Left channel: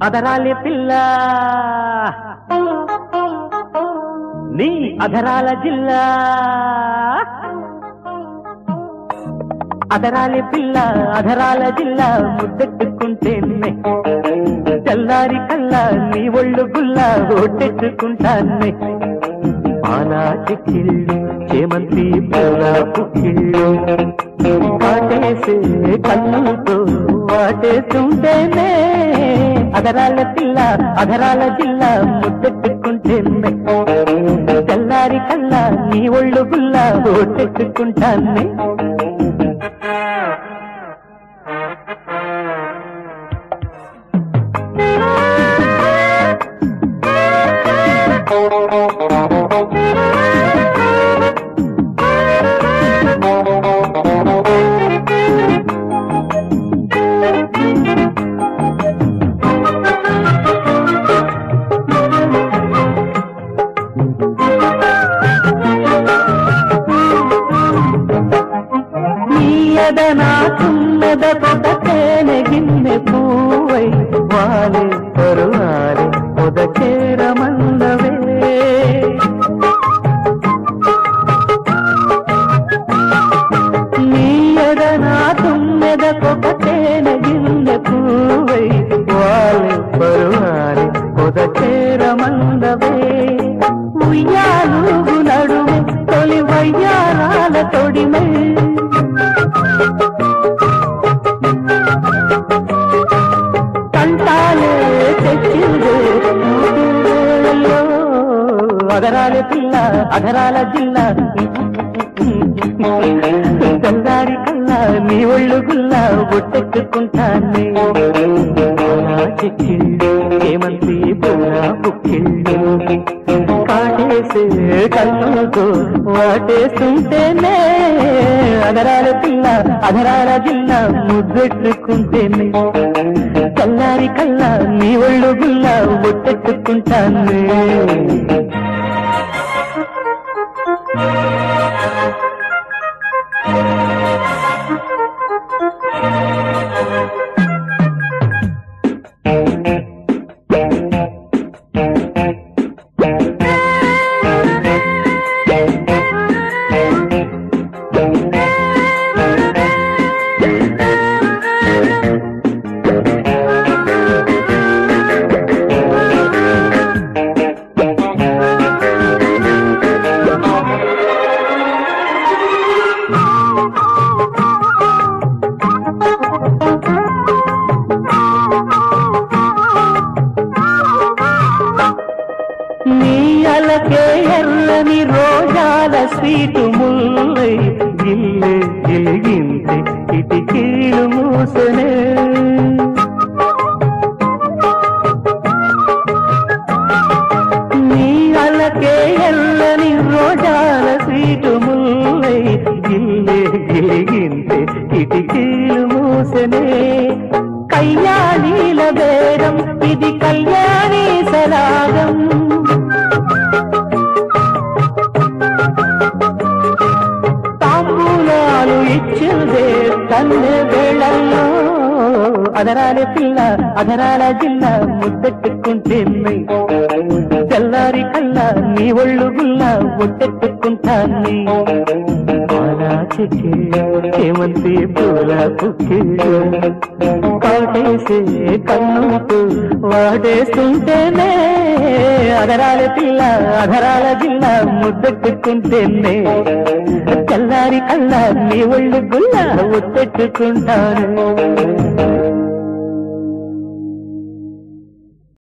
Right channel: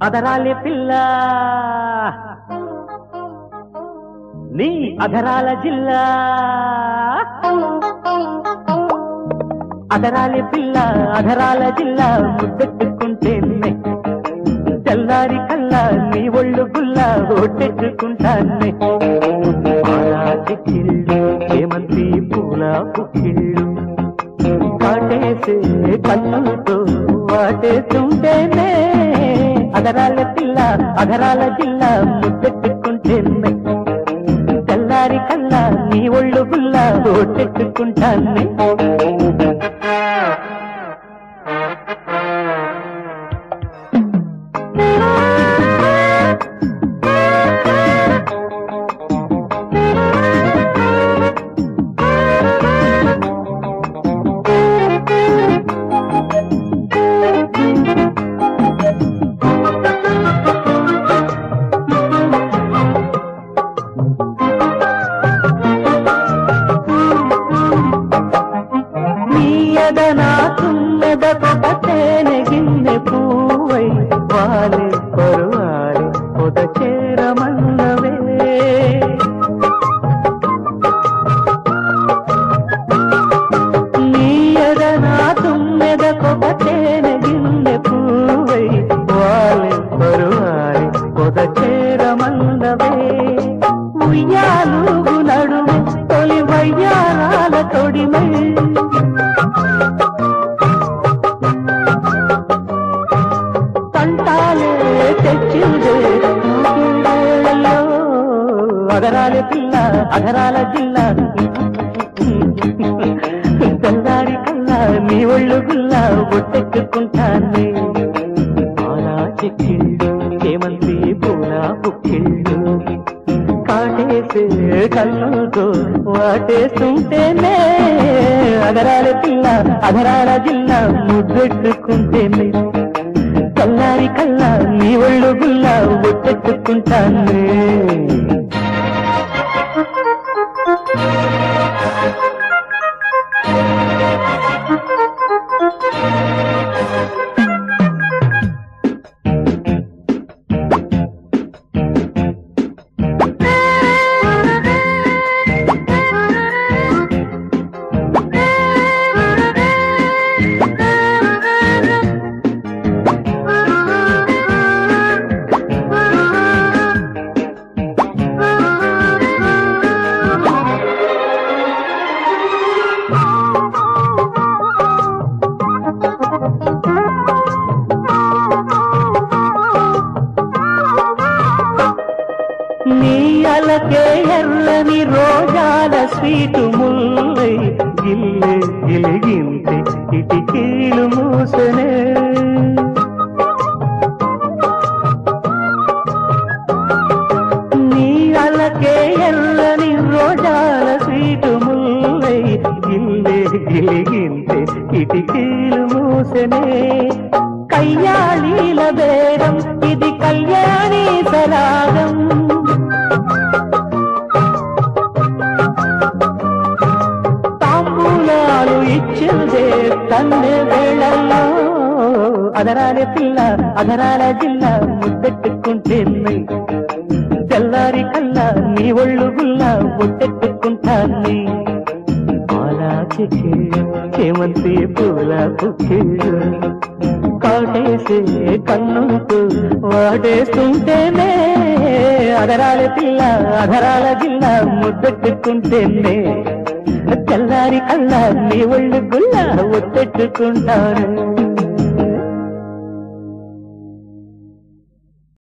అదరాలి పిల్ల నీ అధరాల జిల్లా అదరాలి పిల్ల అధరాల జిల్లా ముద్దెట్టుకుంటే తెల్లారి కల్లా నీ ఒళ్ళు గుల్లా ఒట్టెట్టుకుంటాన్నే చిక్కిళ్ళు చేమంతి పూల పుక్కిళ్ళు వాటేసే కళ్ళతో వాటేస్తుంటేనే అదరాల పిల్ల అధరాల జిల్లా ముద్దెట్టుకుంటేనే తెల్లారి కల్లా నీ ఒళ్ళు గుల్లా ఒట్టెట్టుకుంటాన్నే నాకున్నదొకటేనె గిన్నె పూవై వాలే కరువాలే పొదచేరమన్నవే నీయద నాకున్నదొకటేనె గిన్నె పూవై వాలే కరువాలే పొదచేరమన్నవే ఉయ్యాలూగు నడుము తొలి వయ్యారాల తొడిమే అదరాలి పిల్ల అధరాల జిల్లా తెల్లారి కల్లా నీ ఒళ్ళు గుల్లా గుట్టెట్టుకుంటానే చిక్కిళ్ళు ఏమంతి పూల పుక్కిళ్ళు కాటేసే కళ్ళతో వాటేస్తుంటేనే అదరాలి పిల్ల అధరాల జిల్లా ముద్దెట్టుకుంటేనే తెల్లారి కల్లా నీ ఒళ్ళు గుల్లా గుట్టెట్టుకుంటానే నీ అలకే ఎర్రని రోజాల స్వీటు ముల్లై గిల్లే గిలిగింతే కిటికీలు మూసనే నీ అలకే ఎర్రని రోజాల స్వీటు ముల్లై గిల్లే గిలిగింతే కిటికీలు మూసనే కళ్యాణీల బేరం ఇది కళ్యాణీ సరాగం తాంబూలాలు ఇచ్చిందే కన్నె వేళల్లో అదరాలి పిల్ల అధరాల జిల్లా ముద్దెట్టుకుంటే తెల్లారి కల్లా నీ ఒళ్ళు గుల్లా ముద్దెట్టుకుంటాన్ని చేమంతి పూల పుక్కిళ్ళు కాటేసే కన్నుతో వాడేస్తుంటేనే అదరాలి పిల్ల అధరాల జిల్లా ముద్దెట్టుకుంటేనే తెల్లారి కల్లా నీ ఒళ్ళు గుల్లా ఒట్టెట్టుకుంటాను